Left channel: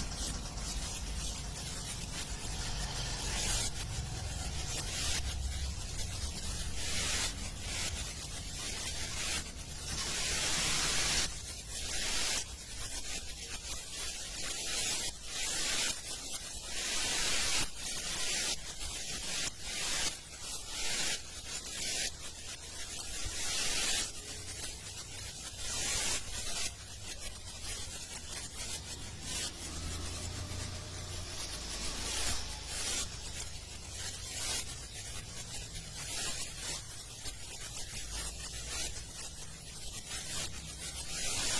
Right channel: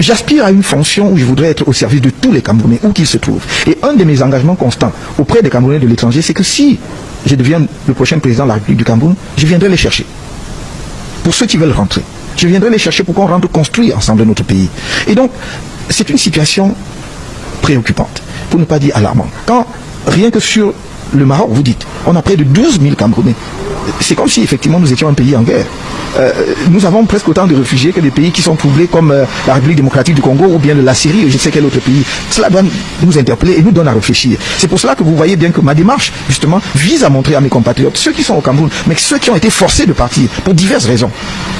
j'aspire à une fonction où je voudrais être au service de tous les Camerounais, où qu'ils se trouvent. Et un de mes engagements constants auprès des Camerounais de l'étranger, c'est que si je deviens le prochain président de la République du Cameroun, je viendrai les chercher. Pour ceux qui veulent rentrer. Je viendrai les chercher pour qu'on rentre construire ensemble notre pays. Et donc, c'est une situation préoccupante, pour ne pas dire alarmante. Quand, rien que sur le Maroc, vous dites, on a près de 12 000 Camerounais. C'est comme si effectivement nous étions un pays en guerre. Nous avons presque autant de réfugiés que des pays qui sont troublés comme la République démocratique du Congo ou bien de la Syrie ou je ne sais quel autre pays. Cela doit nous interpeller et nous donne à réfléchir. C'est pour cela que vous voyez bien que ma démarche, justement, vise à montrer à mes compatriotes, ceux qui sont au Cameroun, mais ceux qui ont été forcés de partir pour diverses raisons.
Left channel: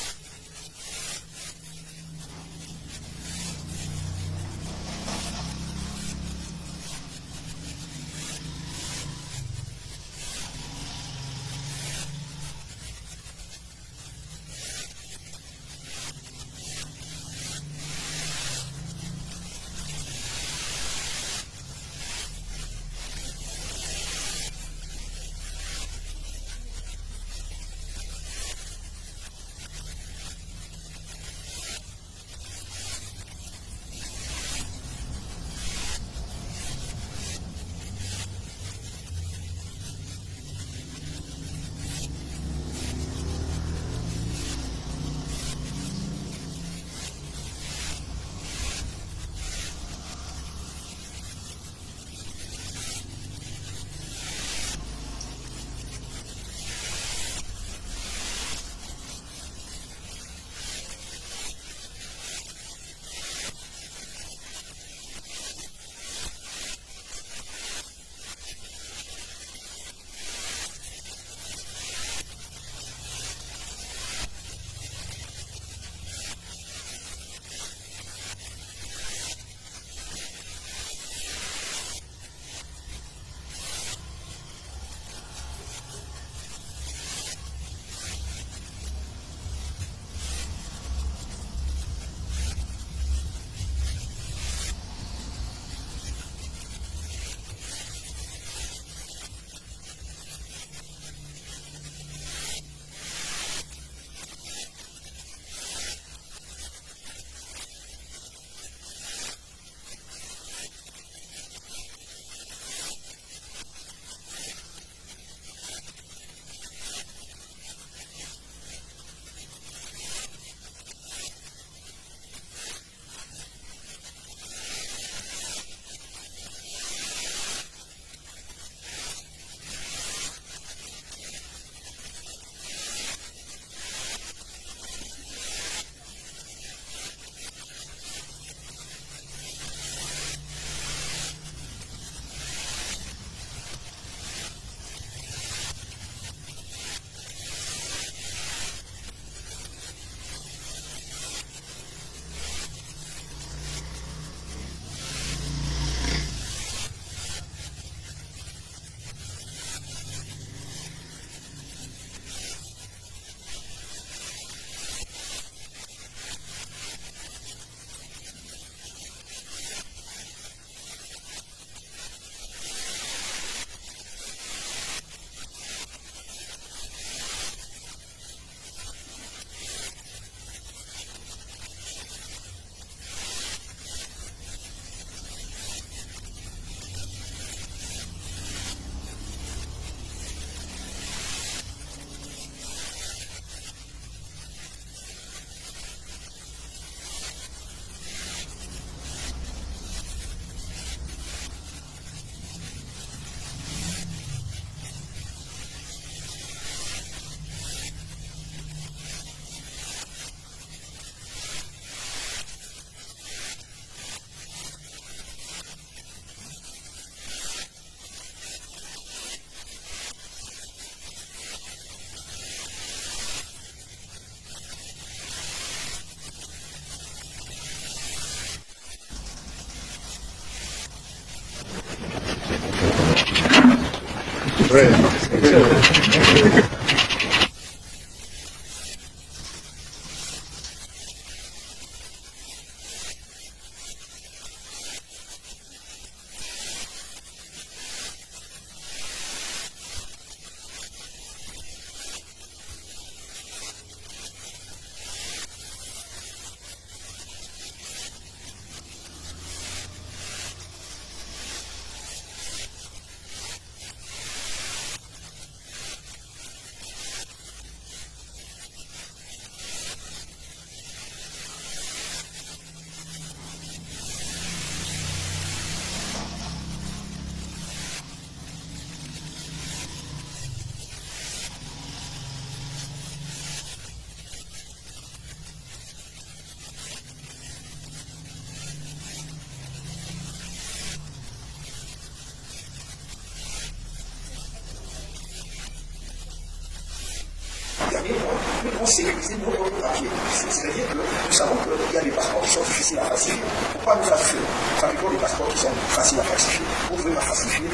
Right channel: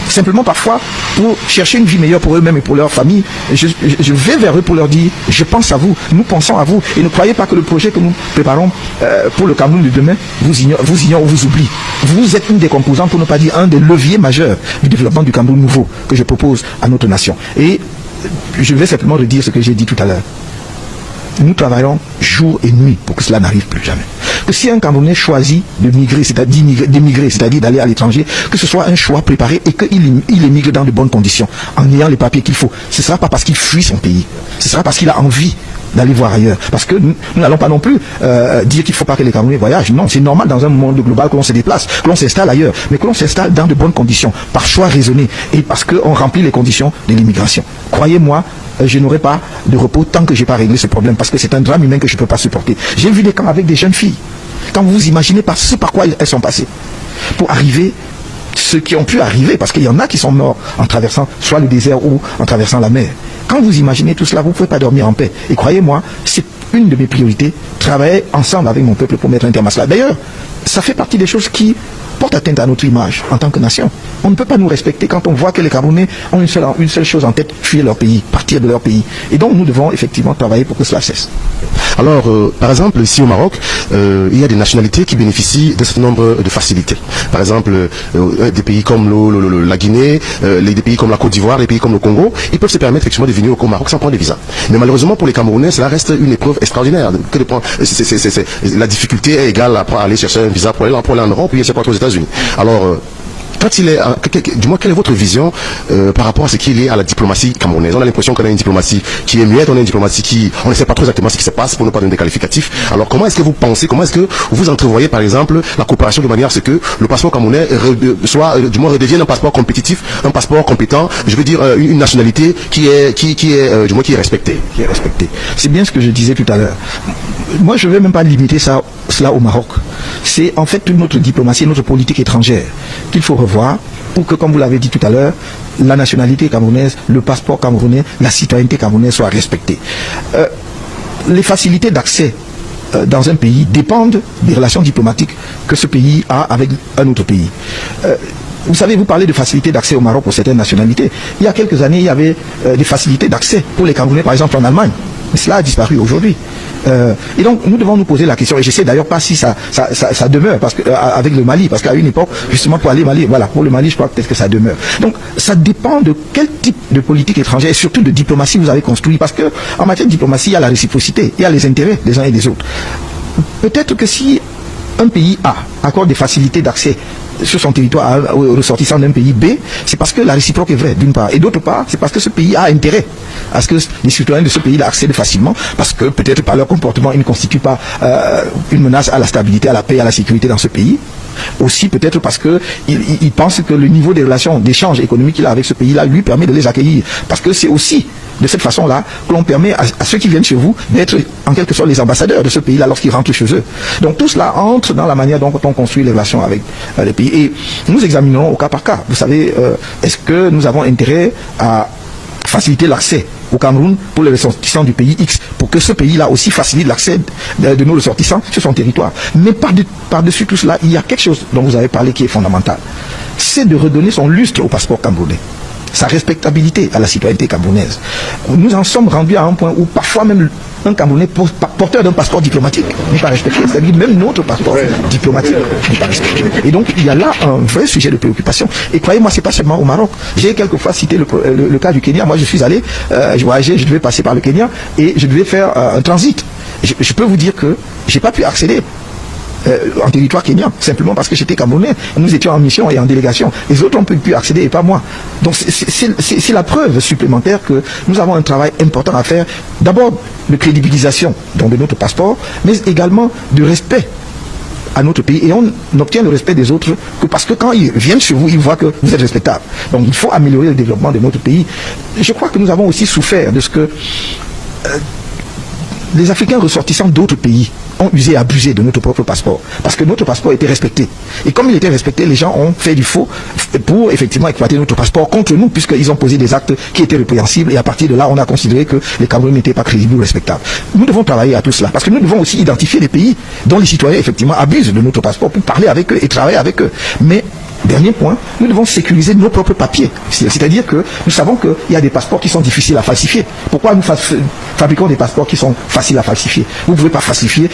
Simplement parfois pour chercher une vie meilleure pour eux-mêmes et pour leur famille. Je vais vers eux pour leur dire, je pense à vous, nous pensons à vous. Et ne croyez pas que le projet que nous préparons pour le Cameroun de demain vous ignore ou vous oublie. Vous êtes une des composantes, pour ne pas dire un des leviers majeurs du développement du Cameroun nouveau que je propose à notre nation. Et je vais simplement redire ce que j'ai dit tout à l'heure. Nous travaillons jour et nuit pour que cela n'arrive plus jamais. Que si un Camerounais choisit de migrer, c'est-à-dire d'émigrer, c'est-à-dire d'aller à l'étranger, que ce soit un choix préparé et qu'il émigre dans de bonnes conditions, en ayant les papiers qu'il faut. Ce ne sera pas parce qu'il fuit son pays, ce sera parce qu'il a envie d'aller voir ailleurs. Parce que nous n'allons pas non plus dire qu'il ne faut pas que les Camerounais voyagent. Non, c'est normal dans un monde global que l'on se déplace, que l'on s'installe ailleurs, mais que l'on s'installe dans de bonnes conditions, par choix raisonné, et parce qu'on remplit les conditions de l'immigration. Croyez-moi, je n'aurai pas de repos tant que je n'ai pas réglé ce problème, parce que c'est un drame humain que je ne peux pas supporter. J'ai vu des camps avec des jeunes filles. Quand vous imaginez ce par quoi elles sont passées, pour arriver, ceux qui ont pu arriver, parce qu'il y en a qui sont morts en traversant soit le désert ou en traversant la mer. Quand vous imaginez tout cela, vous ne pouvez pas dormir en paix. Et croyez-moi, c'est une de mes priorités, travailler ensemble avec mon peuple pour mettre un terme à cela. D'ailleurs, ça fait partie des choses qui portent atteinte à notre image en tant que nation. On ne peut pas nous respecter quand on voit que les Camerounais ont une seule chose en tête, fuir leur pays, partir de leur pays. Et donc nous devons effectivement travailler pour que cela cesse. Alors, par exemple, ici au Maroc, il y a des nationalités qui bénéficient d'un certain nombre de facilités. Par exemple, des pays comme la Guinée, des pays comme la Côte d'Ivoire, des pays comme le Congo, ils peuvent se permettre effectivement de venir au Maroc sans prendre des visas. Mais malheureusement pour les Camerounais, cela reste une épreuve extraordinaire. La difficulté est égale à aller chercher un visa pour aller en Europe, puis c'est pas aux États-Unis. Alors, du moins, quelle est votre vision par rapport à ce qui est lié à la diplomatie camerounaise? On a l'impression qu'on a une diplomatie qui est muette, on a une diplomatie qui... On ne sait pas trop exactement ce qui se passe pour ne pas donner des qualificatifs. Alors comment est-ce que vous pensez, comment est-ce que vous entrevoyez par exemple la coopération de manière à ce que le passeport camerounais du moins redevienne un passeport compétitif, un passeport compétent, je veux dire une nationalité qui est respectée. C'est bien ce que je disais tout à l'heure. Moi je ne vais même pas limiter cela au Maroc. C'est en fait toute notre diplomatie, notre politique étrangère qu'il faut revoir pour que, comme vous l'avez dit tout à l'heure, la nationalité camerounaise, le passeport camerounais, la citoyenneté camerounaise soient respectées. Les facilités d'accès dans un pays dépendent des relations diplomatiques que ce pays a avec un autre pays. Vous savez, vous parlez de facilité d'accès au Maroc pour certaines nationalités. Il y a quelques années, il y avait des facilités d'accès pour les Camerounais, par exemple en Allemagne. Mais cela a disparu aujourd'hui. Et donc nous devons nous poser la question, et je ne sais d'ailleurs pas si ça demeure parce que, avec le Mali, parce qu'à une époque, justement pour aller au Mali, voilà, pour le Mali je crois peut-être que ça demeure. Donc ça dépend de quel type de politique étrangère et surtout de diplomatie vous avez construit, parce que en matière de diplomatie, il y a la réciprocité, il y a les intérêts des uns et des autres. Peut-être que si un pays A accorde des facilités d'accès sur son territoire aux ressortissants d'un pays B, c'est parce que la réciproque est vraie, d'une part. Et d'autre part, c'est parce que ce pays a intérêt à ce que les citoyens de ce pays-là accèdent facilement, parce que peut-être par leur comportement, ils ne constituent pas une menace à la stabilité, à la paix et à la sécurité dans ce pays. Aussi peut-être parce qu'ils pensent que le niveau des relations d'échange économique qu'il a avec ce pays-là lui permet de les accueillir. Parce que c'est aussi de cette façon-là que l'on permet à ceux qui viennent chez vous d'être en quelque sorte les ambassadeurs de ce pays-là lorsqu'ils rentrent chez eux. Donc tout cela entre dans la manière dont on construit les relations avec les pays. Et nous examinerons au cas par cas. Vous savez, est-ce que nous avons intérêt à faciliter l'accès au Cameroun pour les ressortissants du pays X, pour que ce pays-là aussi facilite l'accès de nos ressortissants sur son territoire. Mais par-dessus tout cela, il y a quelque chose dont vous avez parlé qui est fondamental. C'est de redonner son lustre au passeport camerounais, sa respectabilité à la citoyenneté camerounaise. Nous en sommes rendus à un point où parfois même un Camerounais porteur d'un passeport diplomatique n'est pas respecté, c'est-à-dire même notre passeport diplomatique n'est pas respecté. Et donc il y a là un vrai sujet de préoccupation. Et croyez-moi, c'est pas seulement au Maroc. J'ai quelquefois cité le cas du Kenya. Moi je suis allé, je voyageais, je devais passer par le Kenya et je devais faire un transit. Je peux vous dire que j'ai pas pu accéder en territoire kenyan, simplement parce que j'étais Camerounais. Nous étions en mission et en délégation. Les autres ont pu accéder et pas moi. Donc c'est la preuve supplémentaire que nous avons un travail important à faire. D'abord de crédibilisation de notre passeport, mais également de respect à notre pays, et on n'obtient le respect des autres que parce que quand ils viennent chez vous, ils voient que vous êtes respectable. Donc il faut améliorer le développement de notre pays. Je crois que nous avons aussi souffert de ce que les Africains ressortissants d'autres pays ont usé et abusé de notre propre passeport, parce que notre passeport était respecté. Et comme il était respecté, les gens ont fait du faux pour effectivement exploiter notre passeport contre nous, puisqu'ils ont posé des actes qui étaient répréhensibles, et à partir de là, on a considéré que les Camerounais n'étaient pas crédibles ou respectables. Nous devons travailler à tout cela, parce que nous devons aussi identifier les pays dont les citoyens effectivement abusent de notre passeport pour parler avec eux et travailler avec eux. Mais dernier point, nous devons sécuriser nos propres papiers. C'est-à-dire que nous savons qu'il y a des passeports qui sont difficiles à falsifier. Pourquoi nous fabriquons des passeports qui sont faciles à falsifier? Vous ne pouvez pas falsifier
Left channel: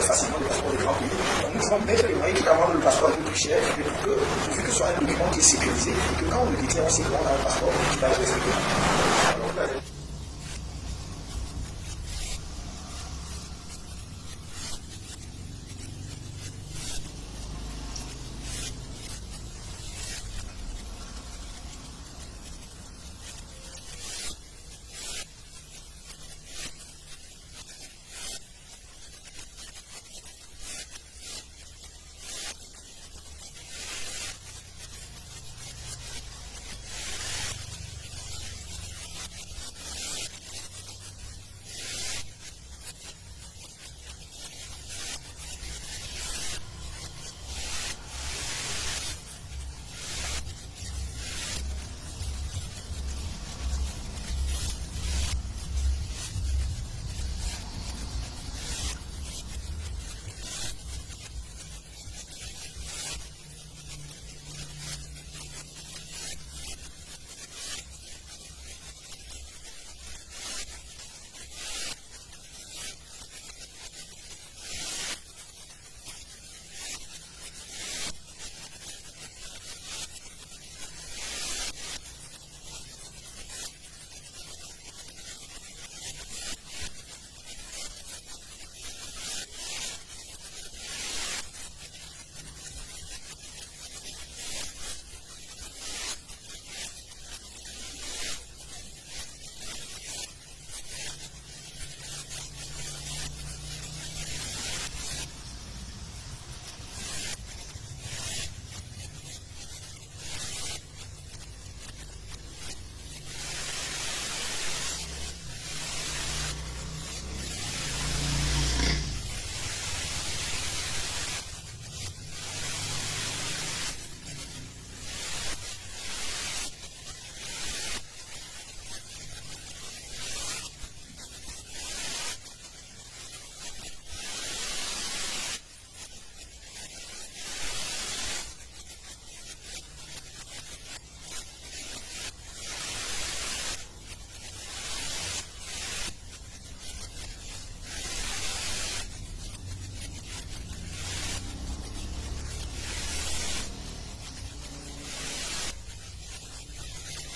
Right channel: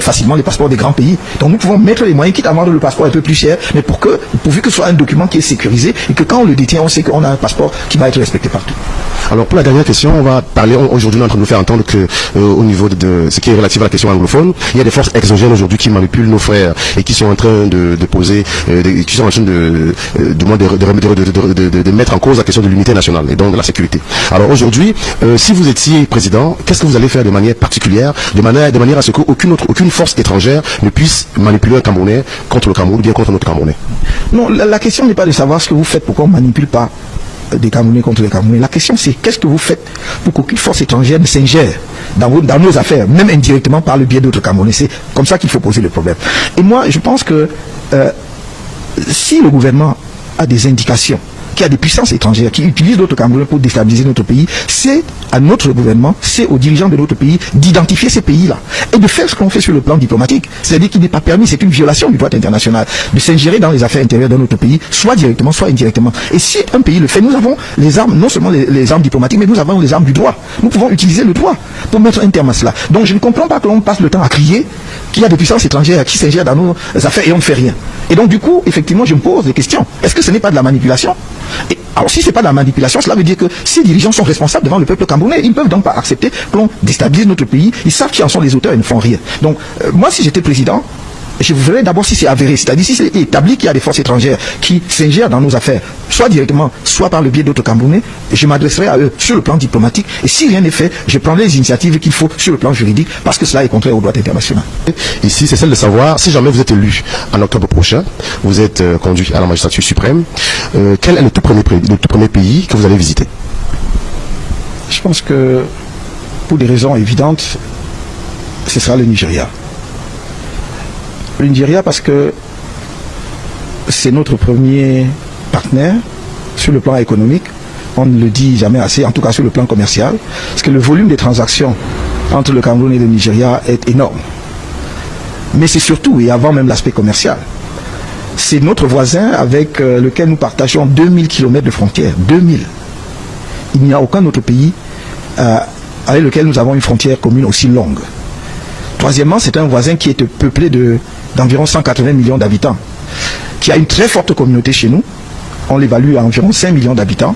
facilement les passeports des grands pays. Donc nous pouvons mettre les moyens, quitte à vendre le passeport un peu plus cher, mais pourvu que ce soit un document qui est sécurisé et que quand on le détient, on sait qu'on a un passeport qui va être respecté partout. Alors pour la dernière question, on va parler, aujourd'hui on est en train de nous faire entendre que au niveau de ce qui est relatif à la question anglophone, il y a des forces exogènes aujourd'hui qui manipulent nos frères et qui sont en train de poser, qui sont en train de mettre en cause la question de l'unité nationale et donc de la sécurité. Alors aujourd'hui, si vous étiez président, qu'est-ce que vous allez faire de manière particulière, de manière à ce qu'aucune force étrangère ne puisse manipuler un Camerounais contre le Cameroun ou bien contre notre Camerounais? Non, la question n'est pas de savoir ce que vous faites, pourquoi on ne manipule pas des Camerounais contre les Camerounais. La question c'est qu'est-ce que vous faites pour qu'aucune force étrangère ne s'ingère dans nos affaires, même indirectement par le biais d'autres Camerounais. C'est comme ça qu'il faut poser le problème. Et moi, je pense que si le gouvernement a des indications qu'il y a des puissances étrangères qui utilisent d'autres Camerounais pour déstabiliser notre pays, c'est à notre gouvernement, c'est aux dirigeants de notre pays d'identifier ces pays-là et de faire ce qu'on fait sur le plan diplomatique. C'est-à-dire qu'il n'est pas permis, c'est une violation du droit international, de s'ingérer dans les affaires intérieures de notre pays, soit directement, soit indirectement. Et si un pays le fait, nous avons les armes, non seulement les armes diplomatiques, mais nous avons les armes du droit. Nous pouvons utiliser le droit pour mettre un terme à cela. Donc je ne comprends pas que l'on passe le temps à crier qu'il y a des puissances étrangères qui s'ingèrent dans nos affaires et on ne fait rien. Et donc du coup, effectivement, je me pose des questions. Est-ce que ce n'est pas de la manipulation? Et alors si ce n'est pas de la manipulation, cela veut dire que ces dirigeants sont responsables devant le peuple camerounais. Ils ne peuvent donc pas accepter que l'on déstabilise notre pays. Ils savent qui en sont les auteurs et ne font rien. Donc moi, si j'étais président, je voudrais d'abord si c'est avéré, c'est-à-dire si c'est établi qu'il y a des forces étrangères qui s'ingèrent dans nos affaires, soit directement, soit par le biais d'autres Camerounais, je m'adresserai à eux sur le plan diplomatique. Et si rien n'est fait, je prendrai les initiatives qu'il faut sur le plan juridique, parce que cela est contraire au droit international. Ici, c'est celle de savoir, si jamais vous êtes élu en octobre prochain, vous êtes conduit à la magistrature suprême, quel est le tout premier pays que vous allez visiter? Je pense que, pour des raisons évidentes, ce sera le Nigeria. Le Nigeria parce que c'est notre premier partenaire sur le plan économique. On ne le dit jamais assez, en tout cas sur le plan commercial, parce que le volume des transactions entre le Cameroun et le Nigeria est énorme. Mais c'est surtout, et avant même l'aspect commercial, c'est notre voisin avec lequel nous partageons 2000 km de frontières. 2000. Il n'y a aucun autre pays avec lequel nous avons une frontière commune aussi longue. Troisièmement, c'est un voisin qui est peuplé d'environ 180 millions d'habitants, qui a une très forte communauté chez nous. On l'évalue à environ 5 millions d'habitants.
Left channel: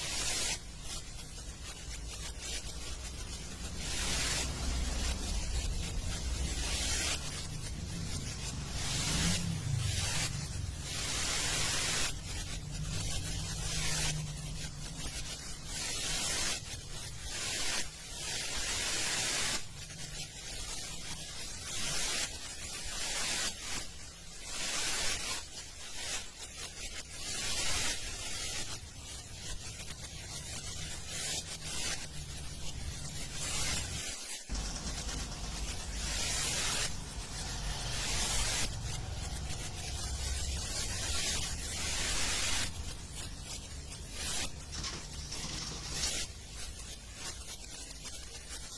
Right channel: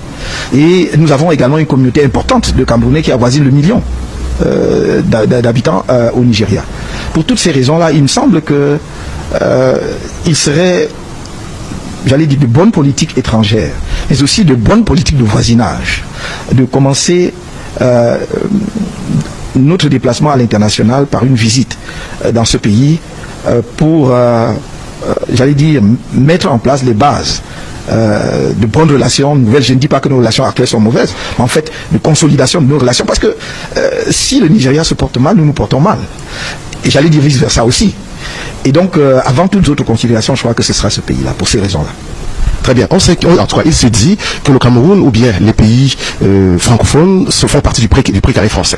Et nous avons également une communauté importante de Camerounais qui avoisine le million d'habitants au Nigeria. Pour toutes ces raisons-là, il me semble que il serait, j'allais dire, de bonne politique étrangère, mais aussi de bonne politique de voisinage, de commencer notre déplacement à l'international par une visite dans ce pays pour, j'allais dire, mettre en place les bases de bonnes relations nouvelles. Je ne dis pas que nos relations actuelles sont mauvaises, mais en fait de consolidation de nos relations, parce que si le Nigeria se porte mal, nous nous portons mal. Et j'allais dire vice-versa aussi. Et donc, avant toute autre considération, je crois que ce sera ce pays-là, pour ces raisons-là. Très bien. On sait en tout cas, il se dit que le Cameroun ou bien les pays francophones font partie du précaré français.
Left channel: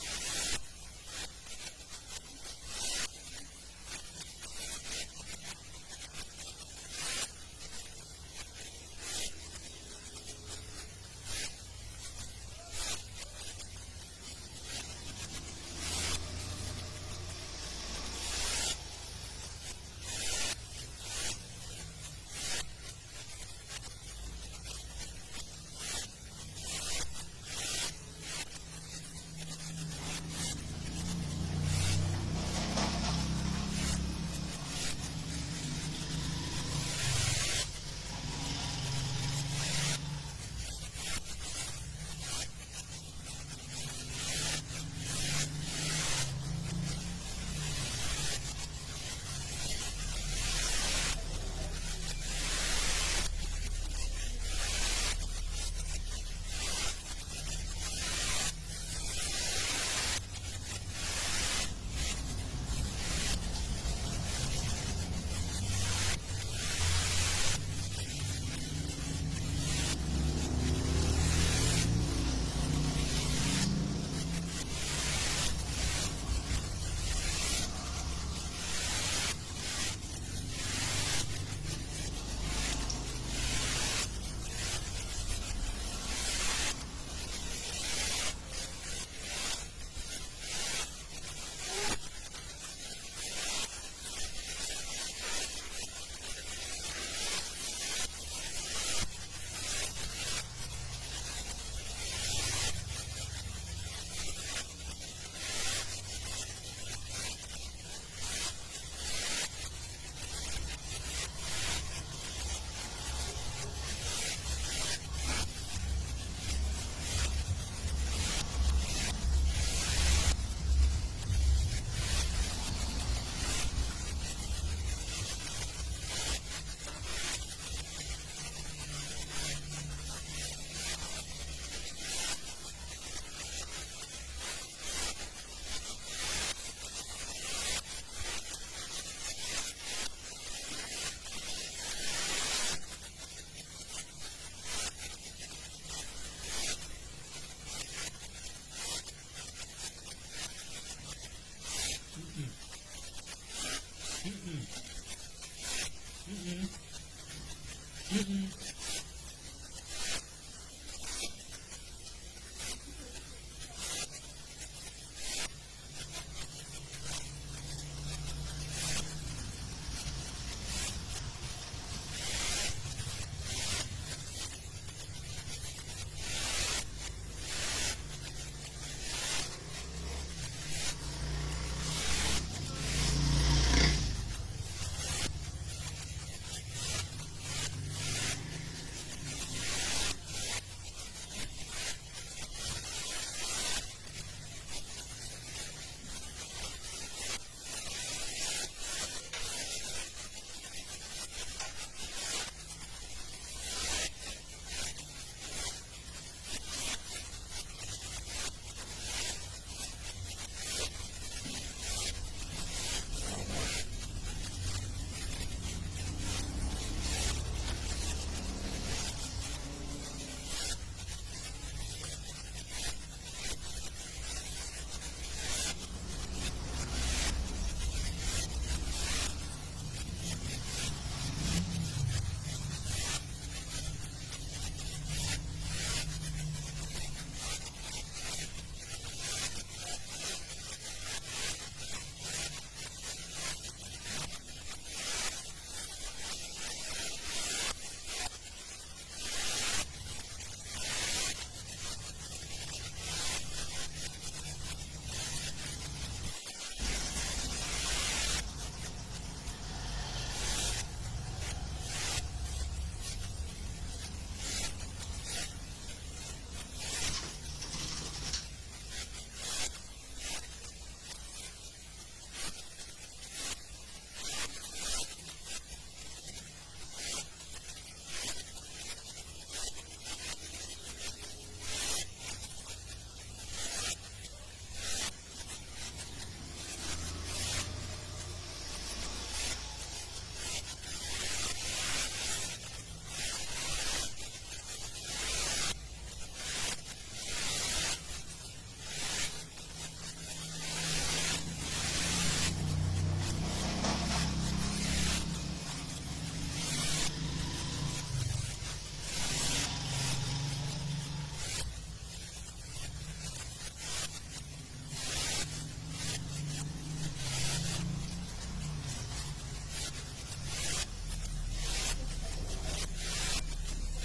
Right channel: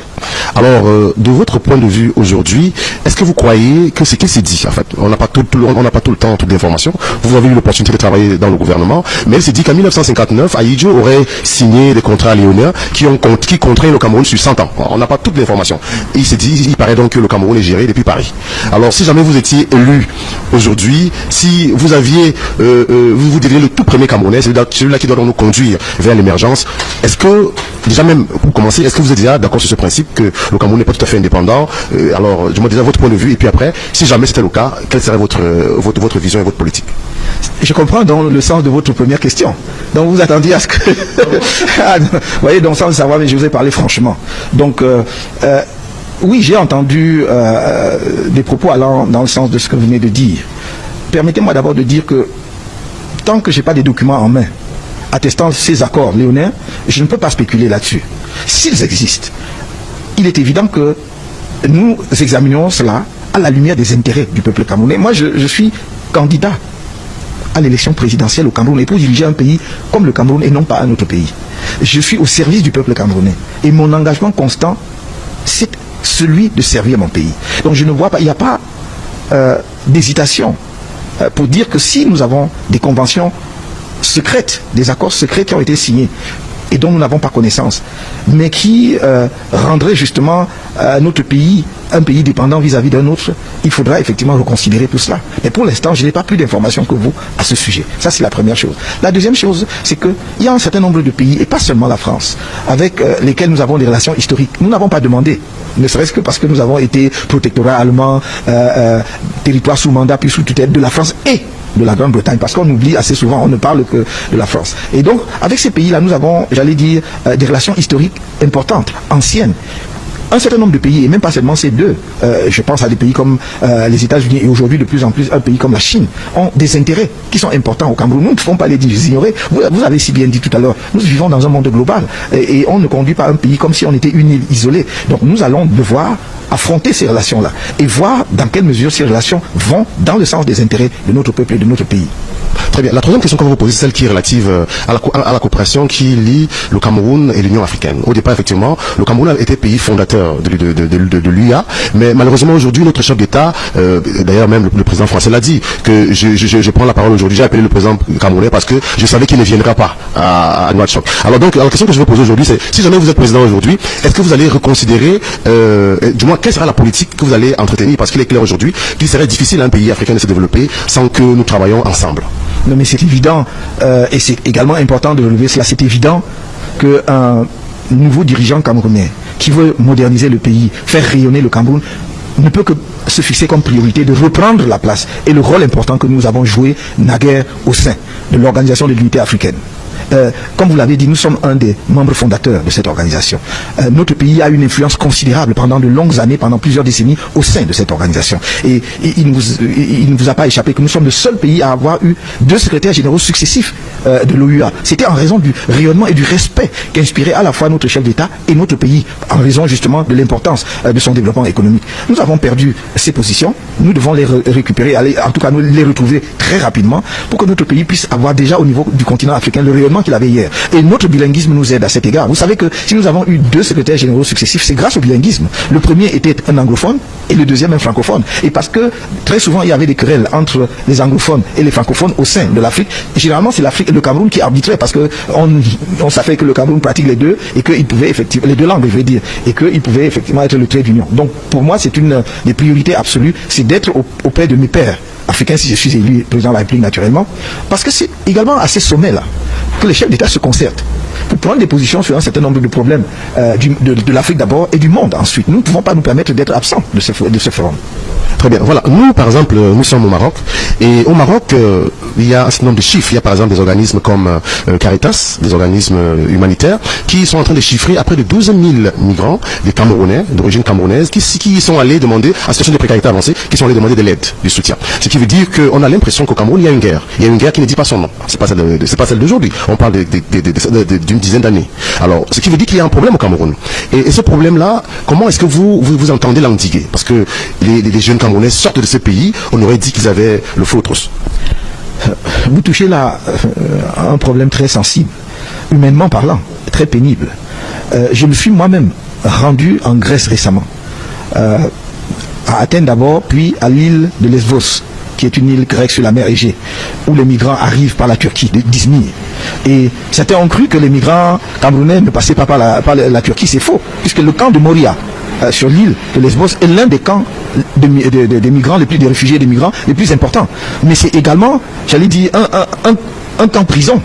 Alors, de votre point de vue aujourd'hui, est-ce que vous croyez que ce qui s'est dit, en fait, on n'a pas tout le temps, toute l'information. Vous avez eu l'opportunité de travailler dans le gouvernement, mais il s'est dit qu'en 1959, Ahidjo aurait signé des contrats léoniens qui contraignent le Cameroun sur 100 ans. On n'a pas toute l'information. Il s'est dit, il paraît donc que le Cameroun est géré depuis Paris. Alors, si jamais vous étiez élu aujourd'hui, si vous aviez, vous diriez le tout premier Camerounais, celui-là qui doit nous conduire vers l'émergence. Est-ce que, déjà même, pour commencer, est-ce que vous êtes déjà d'accord sur ce principe que le Cameroun n'est pas tout à fait indépendant? Alors, je me déjà votre point de vue, et puis après, si jamais c'était le cas, quelle serait votre vision et votre politique? Je comprends dans le sens de votre première question. Donc vous attendiez à ce que... vous voyez, donc sans le savoir, mais je vous ai parlé franchement. Donc, oui, j'ai entendu des propos allant dans le sens de ce que vous venez de dire. Permettez-moi d'abord de dire que tant que je n'ai pas des documents en main attestant ces accords léonins, je ne peux pas spéculer là-dessus. S'ils existent, il est évident que nous examinons cela à la lumière des intérêts du peuple camerounais. Moi, je suis candidat à l'élection présidentielle au Cameroun et pour diriger un pays comme le Cameroun et non pas un autre pays. Je suis au service du peuple camerounais et mon engagement constant, c'est celui de servir mon pays. Donc je ne vois pas, il n'y a pas d'hésitation pour dire que si nous avons des conventions secrètes, des accords secrets qui ont été signés et dont nous n'avons pas connaissance, mais qui rendraient justement notre pays un pays dépendant vis-à-vis d'un autre, il faudra effectivement reconsidérer tout cela. Mais pour l'instant, je n'ai pas plus d'informations que vous à ce sujet. Ça, c'est la première chose. La deuxième chose, c'est qu'il y a un certain nombre de pays, et pas seulement la France, avec lesquels nous avons des relations historiques. Nous n'avons pas demandé, ne serait-ce que parce que nous avons été protectorat allemand, territoire sous mandat, puis sous tutelle de la France et de la Grande-Bretagne, parce qu'on oublie assez souvent, on ne parle que de la France. Et donc, avec ces pays-là, nous avons, j'allais dire, des relations historiques importantes, anciennes. Un certain nombre de pays, et même pas seulement ces deux, je pense à des pays comme les États-Unis et aujourd'hui de plus en plus un pays comme la Chine, ont des intérêts qui sont importants au Cameroun. Nous ne pouvons pas les ignorer. Vous avez si bien dit tout à l'heure, nous vivons dans un monde global et on ne conduit pas un pays comme si on était une île isolée. Donc nous allons devoir affronter ces relations-là et voir dans quelle mesure ces relations vont dans le sens des intérêts de notre peuple et de notre pays. Très bien. La troisième question qu'on va vous poser, c'est celle qui est relative à la coopération qui lie le Cameroun et l'Union africaine. Au départ, effectivement, le Cameroun a été pays fondateur de l'UA, mais malheureusement aujourd'hui, notre chef d'État, d'ailleurs même le président français l'a dit, que je prends la parole aujourd'hui, j'ai appelé le président camerounais parce que je savais qu'il ne viendra pas à Nouakchott. Alors donc, la question que je veux poser aujourd'hui, c'est si jamais vous êtes président aujourd'hui, est-ce que vous allez reconsidérer, du moins, quelle sera la politique que vous allez entretenir? Parce qu'il est clair aujourd'hui qu'il serait difficile à un pays africain de se développer sans que nous travaillions ensemble. Non mais c'est évident, et c'est également important de relever cela, c'est évident qu'un nouveau dirigeant camerounais qui veut moderniser le pays, faire rayonner le Cameroun, ne peut que se fixer comme priorité de reprendre la place et le rôle important que nous avons joué naguère au sein de l'Organisation de l'Unité africaine. Comme vous l'avez dit, nous sommes un des membres fondateurs de cette organisation. Notre pays a une influence considérable pendant de longues années, pendant plusieurs décennies, au sein de cette organisation. Et il ne vous a pas échappé que nous sommes le seul pays à avoir eu 2 secrétaires généraux successifs de l'OUA. C'était en raison du rayonnement et du respect qu'inspirait à la fois notre chef d'État et notre pays, en raison justement de l'importance de son développement économique. Nous avons perdu ces positions, nous devons les récupérer, en tout cas nous les retrouver très rapidement, pour que notre pays puisse avoir déjà au niveau du continent africain le rayonnement qu'il avait hier. Et notre bilinguisme nous aide à cet égard. Vous savez que si nous avons eu 2 secrétaires généraux successifs, c'est grâce au bilinguisme. Le premier était un anglophone et le deuxième un francophone. Et parce que très souvent il y avait des querelles entre les anglophones et les francophones au sein de l'Afrique. Généralement c'est l'Afrique et le Cameroun qui arbitraient parce que on savait que le Cameroun pratique les deux et qu'il pouvait effectivement, les 2 langues je veux dire, et qu'il pouvait effectivement être le trait d'union. Donc pour moi c'est une des priorités absolues, c'est d'être auprès de mes pairs africains si je suis élu président de la République naturellement, parce que c'est également à ces sommets-là que les chefs d'État se concertent pour prendre des positions sur un certain nombre de problèmes de l'Afrique d'abord et du monde ensuite. Nous ne pouvons pas nous permettre d'être absents de ce forum. Très bien. Voilà. Nous, par exemple, nous sommes au Maroc. Et au Maroc, il y a un certain nombre de chiffres. Il y a par exemple des organismes comme Caritas, des organismes humanitaires, qui sont en train de chiffrer à près de 12 000 migrants, des Camerounais, d'origine camerounaise, qui sont allés demander, en situation de précarité avancée, qui sont allés demander de l'aide, du soutien. Ce qui veut dire qu'on a l'impression qu'au Cameroun, il y a une guerre. Il y a une guerre qui ne dit pas son nom. C'est pas celle d'aujourd'hui. On parle d'une dizaine d'années. Alors, ce qui veut dire qu'il y a un problème au Cameroun. Et ce problème-là, comment est-ce que vous entendez l'endiguer? Parce que les jeunes Camerounais sortent de ce pays, on aurait dit qu'ils avaient le feu aux trousses. Vous touchez là un problème très sensible, humainement parlant, très pénible. Je me suis moi-même rendu en Grèce récemment, à Athènes d'abord, puis à l'île de Lesbos, qui est une île grecque sur la mer Égée, où les migrants arrivent par la Turquie, d'Izmir. Et certains ont cru que les migrants camerounais ne passaient pas par la Turquie, c'est faux, puisque le camp de Moria, sur l'île de Lesbos, est l'un des camps des migrants, des réfugiés et des migrants les plus importants. Mais c'est également, j'allais dire, un temps prison.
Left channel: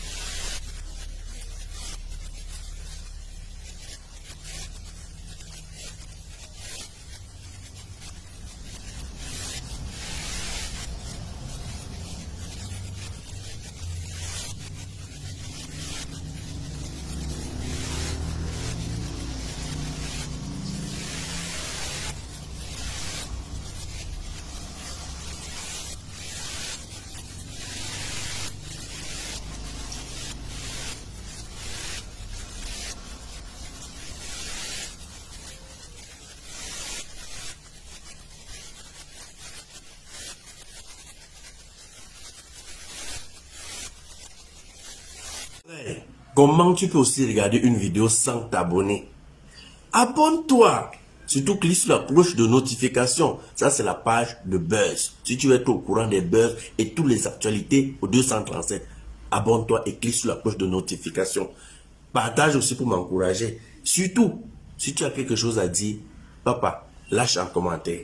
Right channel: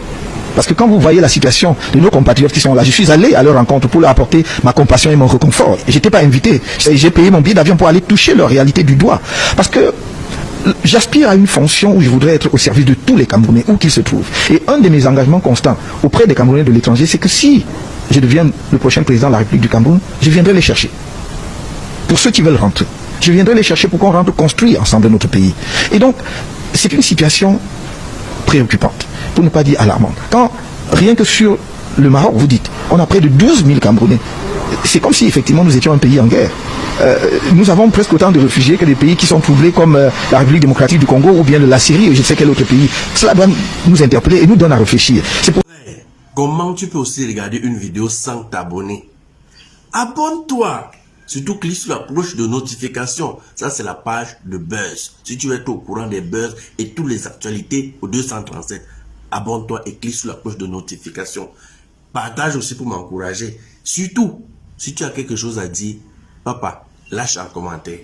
Parce que quand vous voyez la situation de nos compatriotes qui sont là, je suis allé à leur rencontre pour leur apporter ma compassion et mon réconfort. Et j'étais pas invité. J'ai payé mon billet d'avion pour aller toucher leur réalité du doigt. Parce que j'aspire à une fonction où je voudrais être au service de tous les Camerounais, où qu'ils se trouvent. Et un de mes engagements constants auprès des Camerounais de l'étranger, c'est que si je deviens le prochain président de la République du Cameroun, je viendrai les chercher. Pour ceux qui veulent rentrer. Je viendrai les chercher pour qu'on rentre construire ensemble notre pays. Et donc, c'est une situation préoccupante, pour ne pas dire alarmante. Quand, rien que sur le Maroc, vous dites, on a près de 12 000 Camerounais. C'est comme si effectivement nous étions un pays en guerre. Nous avons presque autant de réfugiés que des pays qui sont troublés comme la République démocratique du Congo ou bien la Syrie ou je ne sais quel autre pays. Cela doit nous interpeller et nous donne à réfléchir. Comment tu peux aussi regarder une vidéo sans t'abonner? Abonne-toi! Surtout clique sur la cloche de notification. Ça, c'est la page de Buzz. Si tu veux être au courant des buzz et toutes les actualités au 237, abonne-toi et clique sur la cloche de notification. Partage aussi pour m'encourager. Surtout, si tu as quelque chose à dire, papa, lâche un commentaire.